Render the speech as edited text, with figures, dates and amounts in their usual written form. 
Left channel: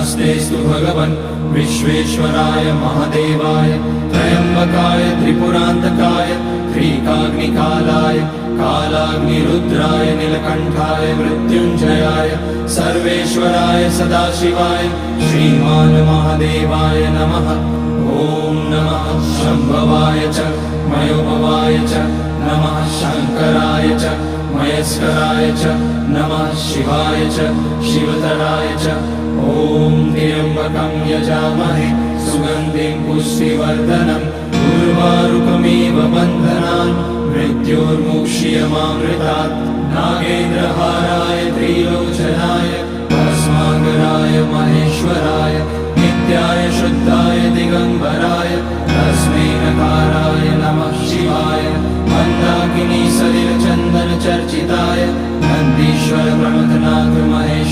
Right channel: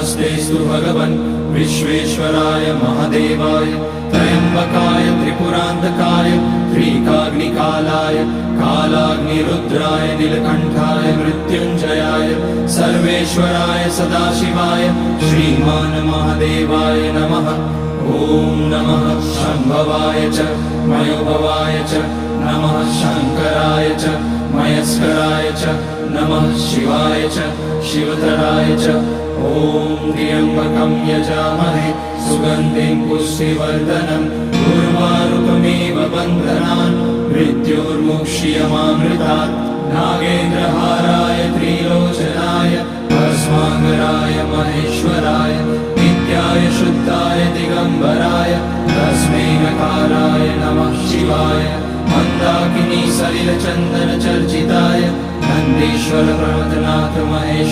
नमस्तेस्तु भगवन् विश्वेश्वराय महादेवाय त्र्यम्बकाय त्रिपुरान्तकाय त्रिकाग्निकालाय कालाग्निरुद्राय नीलकण्ठाय मृत्युञ्जयाय सर्वेश्वराय सदाशिवाय श्रीमान् महादेवाय नमः। ॐ नमः शम्भवाय च मयोभवाय च नमः शङ्कराय च मयस्कराय च नमः शिवाय च शिवतराय च। ॐ त्र्यम्बकं यजामहे सुगन्धिं पुष्टिवर्धनम् उर्वारुकमिव बन्धनान् मृत्योर्मुक्ष्यमामृतात्। नागेन्द्रहाराय त्रिलोचनाय भस्माकराय महेश्वराय नित्याय शुद्धाय दिगम्बराय तस्मै नकाराय नमः शिवाय। मन्दाकिनी सलिलचन्दन चर्चिताय नन्दीश्वर प्रमथनाथ महेश